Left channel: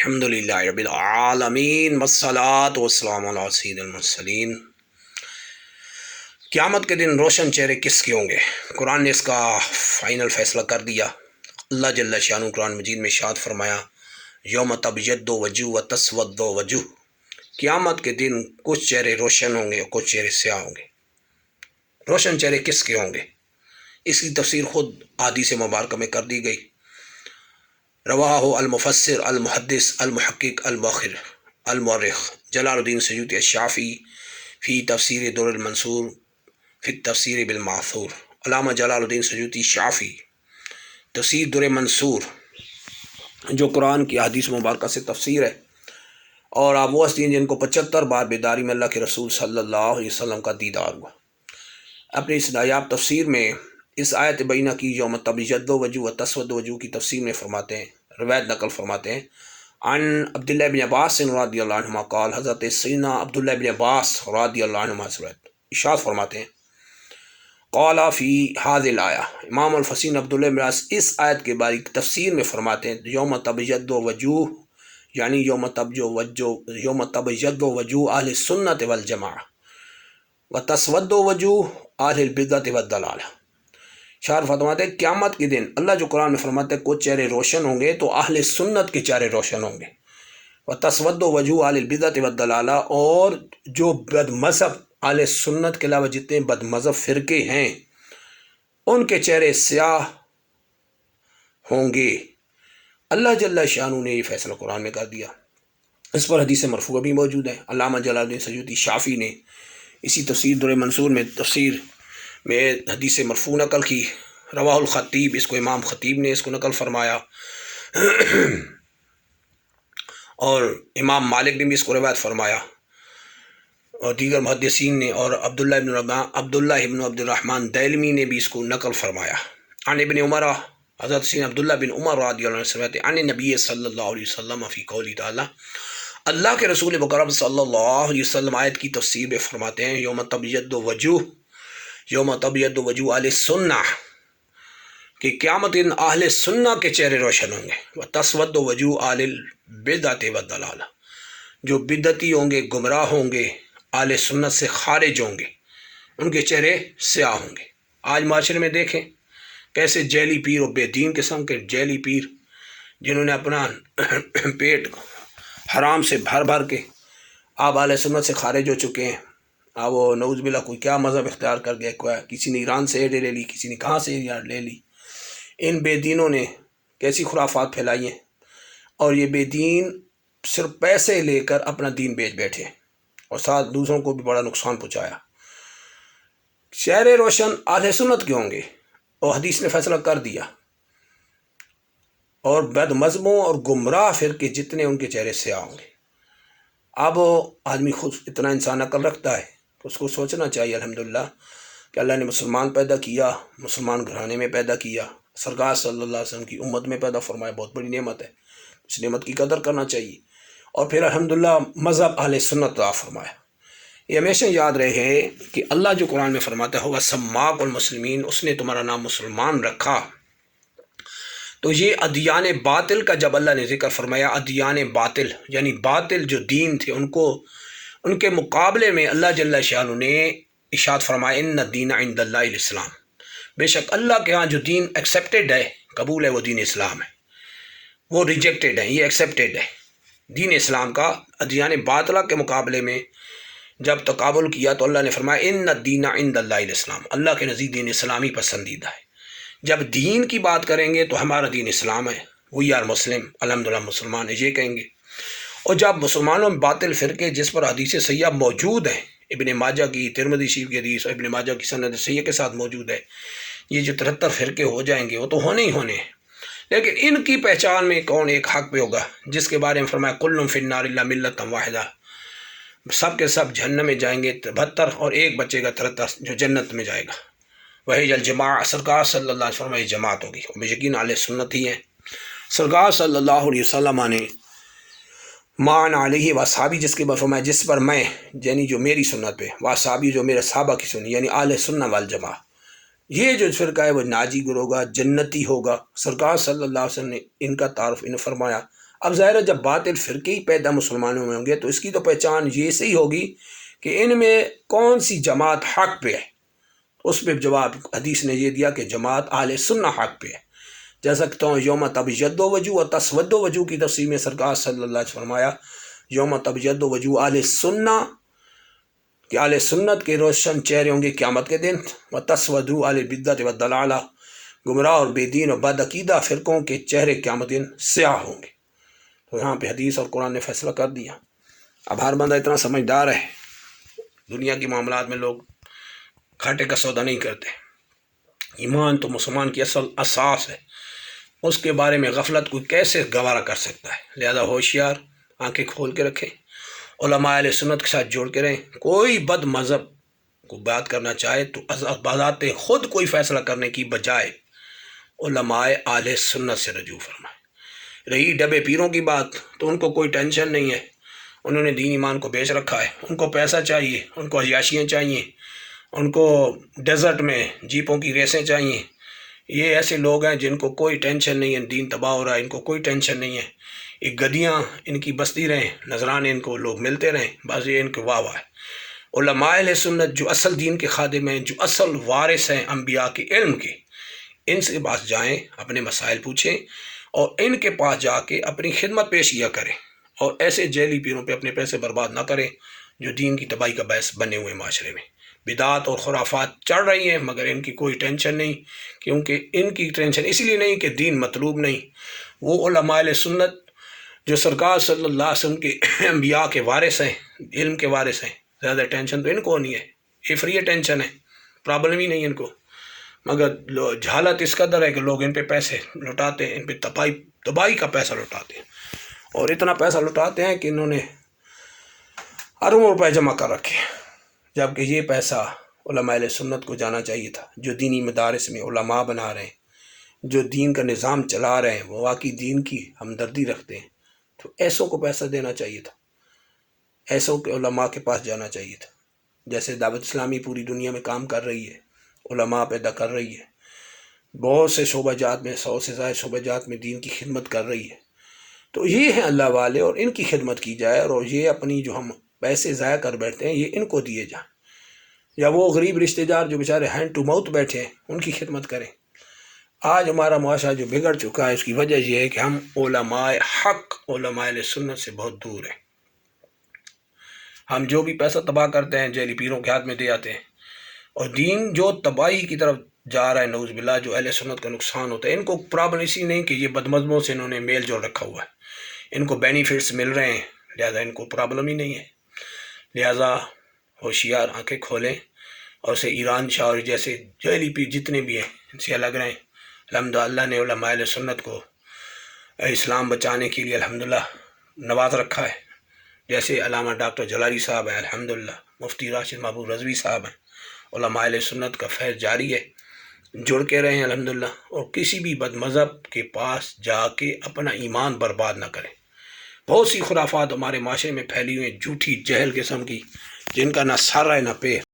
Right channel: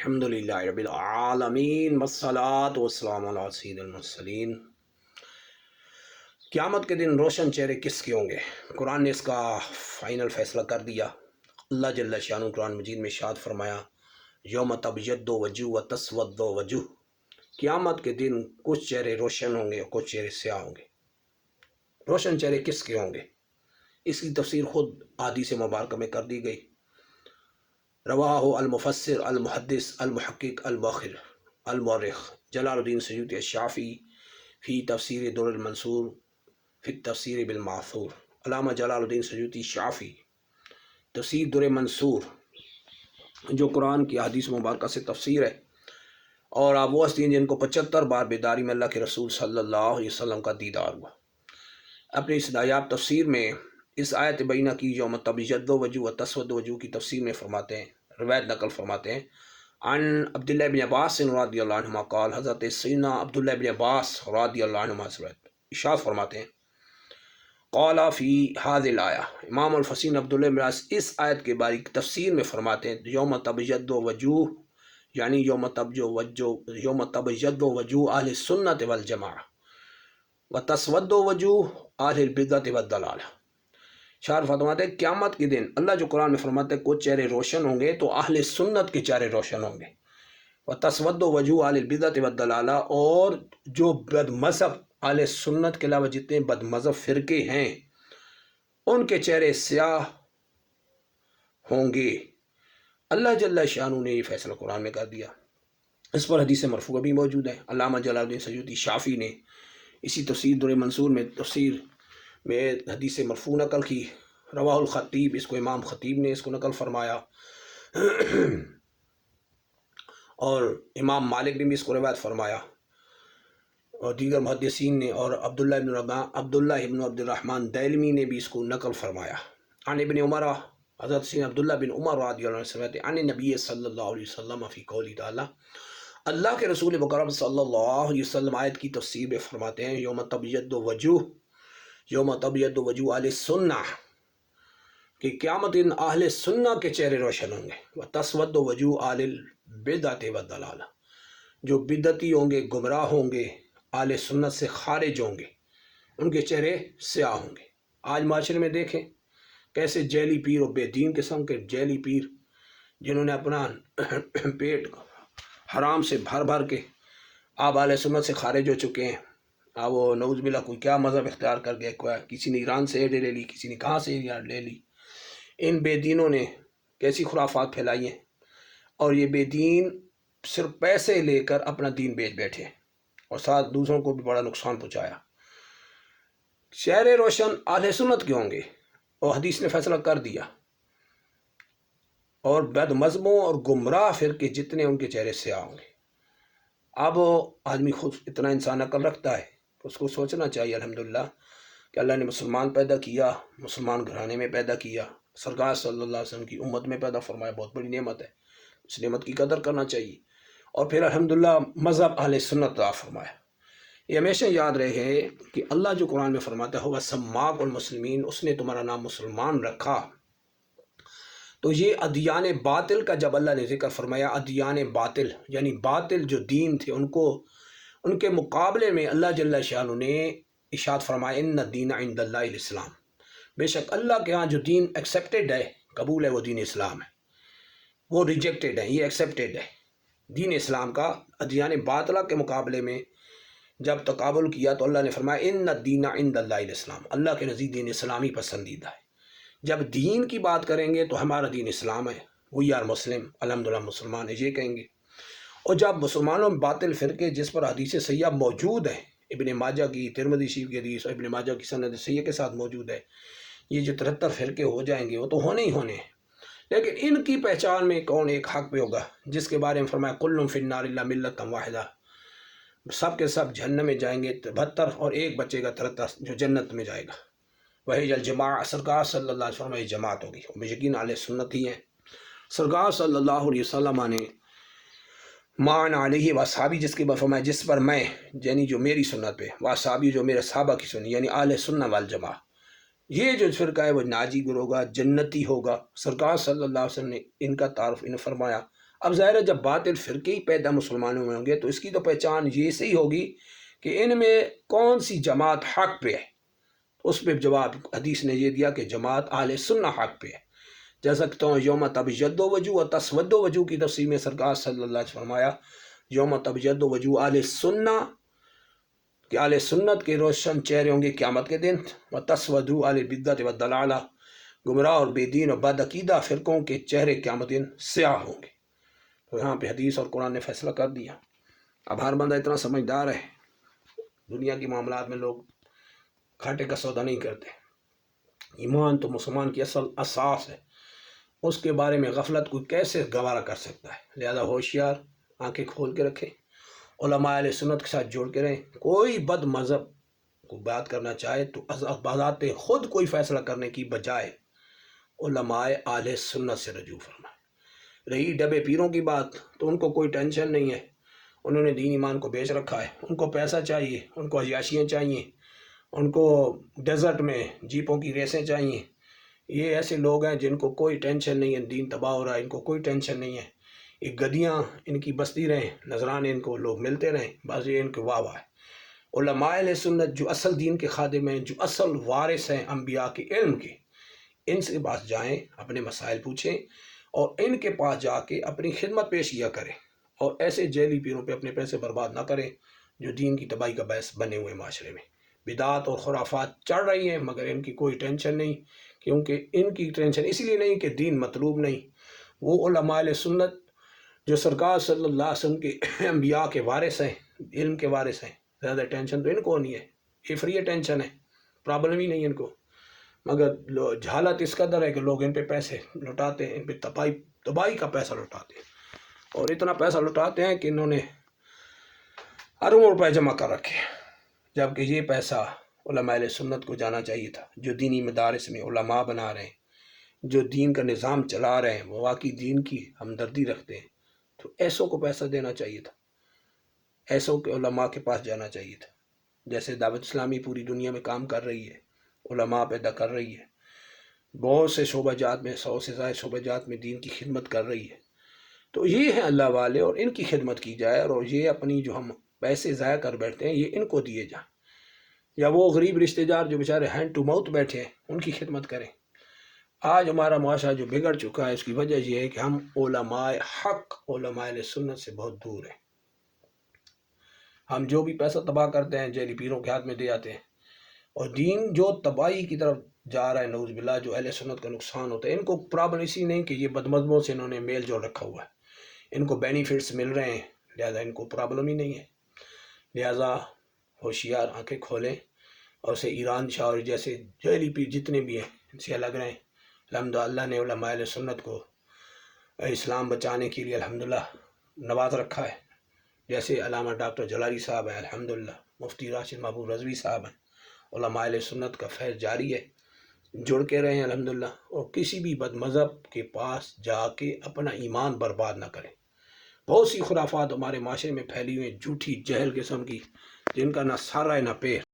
الحمدللہ رب العالمین والصلاة والسلام علی سید المرسلین۔ قیامت کے دن روشن چہرے کس کے ہوں گے؟ قرآن نے اس کا فائنل فیصلہ کر دیا۔ اللہ جل شانہ قرآن مجید میں ارشاد فرمایا یوم تبیض وجوہ و تسود وجوہ، قیامت کے دن کچھ چہرے روشن ہوں گے اور کچھ چہرے سیاہ ہوں گے۔ روشن چہرے کس کے ہوں گے؟ اس کی تفسیر خود احادیث مبارکہ میں کر دی گئی۔ رواہ المفسر المحدث المحقق المؤرخ جلال الدین سیوطی الشافعی فی تفسیر در المنصور فی تفسیر بالمعثور۔ علامہ جلال الدین سیوطی شافعی تفسیر در منصور جو قرآن کی احادیث مبارکہ سے تفسیر ہے، اور آپ وہ ہستی ہیں جن کو 75 بار بیداری میں اللہ کے رسول صلی اللہ علیہ وسلم کا دیدار ہوا۔ اپنی اس نایاب تفسیر میں اس آیت بینہ کی یوم تبیض وجوہ و تسود وجوہ کی تفسیر میں فرماتے ہیں، روایت نقل فرماتے ہیں عن عبداللہ بن عباس رضی اللہ عنہما قال، حضرت سیدنا عبداللہ بن عباس رضی اللہ عنہما سے ارشاد فرماتے ہیں قال فی هذه الآیہ، امام الفسیر عبداللہ بن عباس اس آیت کے بارے تفسیر میں فرماتے ہیں یوم تبیض وجوہ یعنی یوم تبیض وجوہ اہل سنت والجماعہ و تسود وجوہ اہل البدعۃ والضلالہ۔ شاعر فرماتے ہیں قیامت کے دن اللہ جو قرآن میں فرماتے ہیں کچھ چہرے روشن ہوں گے تو اہل سنت کے چہرے روشن ہوں گے، و تسود وجوہ اہل البدعۃ والضلالہ، اور جو بد مذہب اہل سنت کے علاوہ جتنے بد مذہب فرقے ہیں ان کے چہرے سیاہ ہوں گے۔ اللہ جل شانہ نے یہ فیصلہ قرآن میں کر دیا۔ اس پر حدیث مرفوع بھی موجود ہے۔ علامہ جلال الدین سیوطی شافعی نے اسی تفسیر در منصور میں تفسیر میں حدیث مرفوع نقل کی۔ رواہ الخطیب، اس کو امام خطیب نے اس کو نقل فرمایا، اور امام مالک نے بھی اس کو روایت فرمایا، اور دیگر محدثین نے، اور عبداللہ ابن عبد الرحمن دیلمی نے بھی اس کو نقل فرمایا۔ عن ابن عمر، حضرت سید عبداللہ بن عمر رضی اللہ عنہ سے روایت ہے عن نبی صلی اللہ علیہ وسلم فی قولی تعالی، اللہ کے رسول مکرم صلی اللہ علیہ وسلم آیت کی تفسیر میں فرماتے ہیں یوم تبیض وجوہ اہل سنہ، کہ قیامت دن اہل سنہ کے چہرے روشن ہوں گے، و تسود وجوہ اہل البدعۃ والضلالہ، جو بدعتی ہوں گے، گمراہ ہوں گے، اہل سنت سے خارج ہوں گے، ان کے چہرے سیاہ ہوں گے۔ آج معاشرے میں دیکھیں کیسے جیلی پیر اور بے دین قسم کے جیلی پیر جنہوں نے اپنا پیٹ حرام سے بھر بھر کے آپ اہل سنت سے خارج ہو چکے ہیں۔ اب وہ نعوذ باللہ کوئی کیا مذہب اختیار کر گیا، کسی نے ایران سے ایڈ لے لی، کسی نے کہاں سے ایڈ لے لی۔ ان بے دینوں نے کیسی خرافات پھیلائی ہیں، اور یہ بے دین صرف پیسے لے کر اپنا دین بیچ بیٹھے اور ساتھ دوسروں کو بھی بڑا نقصان پہنچایا۔ چہرے روشن اہل سنت کے ہوں گے، اور حدیث نے فیصلہ کر دیا، اور بد مذہبوں اور گمراہ فرقے جتنے ان کے چہرے سیاہ ہوں گے۔ اب آدمی خود اتنا انسان عقل رکھتا ہے تو اس کو سوچنا چاہیے الحمدللہ کہ اللہ نے مسلمان پیدا کیا، مسلمان گھرانے میں پیدا کیا، سرکار صلی اللہ علیہ وسلم کی امت میں پیدا فرمایا، بہت بڑی نعمت ہے، اس نعمت کی قدر کرنا چاہیے، اور پھر الحمدللہ مذہب اہل سنت عطا فرمایا۔ یہ ہمیشہ یاد رہے کہ اللہ جو قرآن میں فرماتا ہوگا سماک المسلمین، اس نے تمہارا نام مسلمان رکھا، تو یہ ادیان باطل کا جب اللہ نے ذکر فرمایا، ادیان باطل یعنی باطل جو دین تھے ان کے مقابلے میں اللہ جل شانہ نے ارشاد فرمایا ان الدین عند اللہ الاسلام، بے شک اللہ کے ہاں جو دین ایکسیپٹیڈ ہے، قبول ہے، وہ دین اسلام ہے، وہ ریجیکٹیڈ ہے، یہ ایکسیپٹیڈ ہے۔ دین اسلام کا ادیان باطلہ کے مقابلے میں جب تقابل کیا تو اللہ نے فرمایا ان الدین عند اللہ الاسلام، اللہ کے نزدیک دین اسلامی پسندیدہ ہے۔ جب دین کی بات کریں گے تو ہمارا دین اسلام ہے، وی آر مسلم، الحمدللہ مسلمان ہے، یہ کہیں گے۔ اور جب مسلمانوں میں باطل فرقے جس پر حدیث صحیحہ موجود ہیں، ابن ماجہ کی، ترمذی شریف کی حدیث اور ابن ماجہ کی سند صحیحہ کے ساتھ موجود ہے، یہ جو 73 فرقے ہو جائیں گے وہ تو ہونے ہی ہونے ہیں، لیکن ان کی پہچان میں کون ایک حق پہ ہوگا، جس کے بارے میں فرمایا کل فی النار الا ملۃ واحدہ، سب کے سب جہنم میں جائیں گے 72 اور ایک بچے گا 73 جو جنت میں جائے گا، وہی الجماع، سرکار صلی اللہ علیہ وسلم یہ جماعت ہوگی، اور یقین اہل سنت ہی ہے۔ سرکار صلی اللہ علیہ وسلم نے مان علیہ وصحابی جس کے بعد فرمایا جس پر میں یعنی جو میری سنت پہ، وصحابی جو میرے صحابہ کی سنت یعنی اہل سنت والجماع، یہ جو فرقہ ہے وہ ناجی گر ہوگا، جنتی ہوگا۔ سرکار صلی اللہ علیہ وسلم نے ان کا تعارف انہیں فرمایا اب ظاہر ہے جب باطل فرقے ہی پیدا مسلمانوں میں ہوں گے تو اس کی تو پہچان یہ سے ہی ہوگی کہ ان میں کون سی جماعت حق پہ ہے. اس پہ جواب حدیث نے یہ دیا کہ جماعت اہل سنہ حق پہ ہے. جیسا کہ تو یوم تبیض وجوہ و تسود وجوہ کی تفسیر میں سرکار صلی اللہ علیہ وسلم فرمایا یوم تبیض وجوہ اہل سنہ کہ اہل سنت کے روشن چہرے ہوں گے قیامت کے دن، و تسود اہل بدعت و دلالہ گمراہ اور بے دین اور بد عقیدہ فرقوں کے چہرے قیامت دن سیاہ ہوں گے. تو یہاں پہ حدیث اور قرآن نے فیصلہ کر دیا. اب ہر بندہ اتنا سمجھدار ہے، دنیا کے معاملات میں لوگ گھاٹے کا سودا نہیں کرتے. ایمان تو مسلمان کی اصل اساس ہے، اس کے بارے میں غفلت کوئی کیسے گوارا کر سکتا ہے. لہذا ہوشیار، آنکھیں کھول کے رکھیں، علماء اہل سنت کے ساتھ جوڑ کے رہیں. کوئی بد مذہب کو بات کرنا چاہے تو بذات خود کوئی فیصلہ کرنے کی بجائے علماء اہل سنت سے رجوع فرمائے. رہی ڈبے پیروں کی بات تو ان کو کوئی ٹینشن نہیں ہے، انہوں نے دین ایمان کو بیچ رکھا ہے. ان کو پیسہ چاہیے، ان کو عیاشیاں چاہیے، ان کو ڈیزرٹ میں جیپوں کی ریسیں چاہیے. یہ ایسے لوگ ہیں جن کو کوئی ٹینشن نہیں ہے، دین تباہ ہو رہا ہے، ان کو کوئی ٹینشن نہیں ہے. ایک گدیاں ان کی بستی رہیں، نذرانے ان کو لوگ ملتے رہیں، بس یہ ان کے واہ واہ ہے. علماء اہل سنت جو اصل دین کے خادم ہیں، جو اصل وارث ہیں انبیاء کے علم کے، ان سے پاس جائیں، اپنے مسائل پوچھیں اور ان کے پاس جا کے اپنی خدمت پیش کیا کریں. اور ایسے جیلی پیروں پہ اپنے پیسے برباد نہ کریں جو دین کی تباہی کا باعث بنے ہوئے معاشرے میں. بدعات اور خرافات چڑھ رہی ہیں مگر ان کی کوئی ٹینشن نہیں، کیونکہ ان کی ٹینشن اس لیے نہیں کہ دین مطلوب نہیں. وہ علماء اہل سنت جو سرکار صلی اللہ علیہ وسلم کے انبیاء کے وارث ہیں، علم کے وارث ہیں، زیادہ ٹینشن تو ان کو نہیں ہے. یہ فری ٹینشن ہے، پرابلم ہی نہیں ان کو. مگر جہالت اس قدر ہے کہ لوگ ان پہ پیسے لٹاتے ہیں، ان پہ تباہی کا پیسہ لٹاتے ہیں. اور اتنا پیسہ لٹاتے ہیں کہ انہوں نے اربوں روپے جمع کر رکھے، جبکہ یہ پیسہ علماء اہل سنت کو جانا چاہیے تھا، جو دینی مدارس میں علماء بنا رہے ہیں، جو دین کا نظام چلا رہے ہیں، وہ واقعی دین کی ہمدردی رکھتے ہیں. تو ایسوں کو پیسہ دینا چاہیے تھا، ایسوں کے علماء کے پاس جانا چاہیے تھا. جیسے دعوت اسلامی پوری دنیا میں کام کر رہی ہے، علماء پیدا کر رہی ہے، بہت سے شعبہ جات میں، 100 سے زائد شعبہ جات میں دین کی خدمت کر رہی ہے. تو یہ ہیں اللہ والے اور ان کی خدمت کی جائے، اور یہ اپنی جو ہم پیسے ضائع کر بیٹھتے ہیں یہ ان کو دیے جائیں، یا وہ غریب رشتہ دار جو بیچارے ہینڈ ٹو ماؤتھ بیٹھے ہیں ان کی خدمت کریں. آج ہمارا معاشرہ جو بگڑ چکا ہے اس کی وجہ یہ ہے کہ ہم علماء حق، علماء اہل سنت سے بہت دور ہیں. ہم جو بھی پیسہ تباہ کرتے ہیں جیلی پیروں کے ہاتھ میں دے آتے ہیں، اور دین جو تباہی کی طرف جا رہا ہے نعوذ باللہ، جو اہل سنت کا نقصان ہوتا ہے. ان کو پرابلم اسی نہیں کہ یہ بدمذہبوں سے انہوں نے میل جول رکھا ہوا ہے، ان کو بینیفٹس مل رہے ہیں، لہذا ان کو پرابلم ہی نہیں ہے. لہذا ہوشیار، آنکھیں کھولیں اور اسے ایران شاہ جیسے جیلی پیر جتنے بھی ہیں ان سے الگ رہیں. الحمدللہ اللہ نے علماء اہل سنت کو اسلام بچانے کے لیے الحمدللہ نواز رکھا ہے. جیسے علامہ ڈاکٹر جلالی صاحب ہیں، الحمدللہ مفتی راشد محبوب رضوی صاحب ہیں. علماء اہل سنت کا فیض جاری ہے، جڑ کے رہیں الحمدللہ، اور کسی بھی بد مذہب کے پاس جا کے اپنا ایمان برباد نہ کریں. بہت سی خرافات ہمارے معاشرے میں پھیلی ہوئی ہیں، جھوٹی جہل قسم کی، جن کا نہ سر ہے نہ پیر.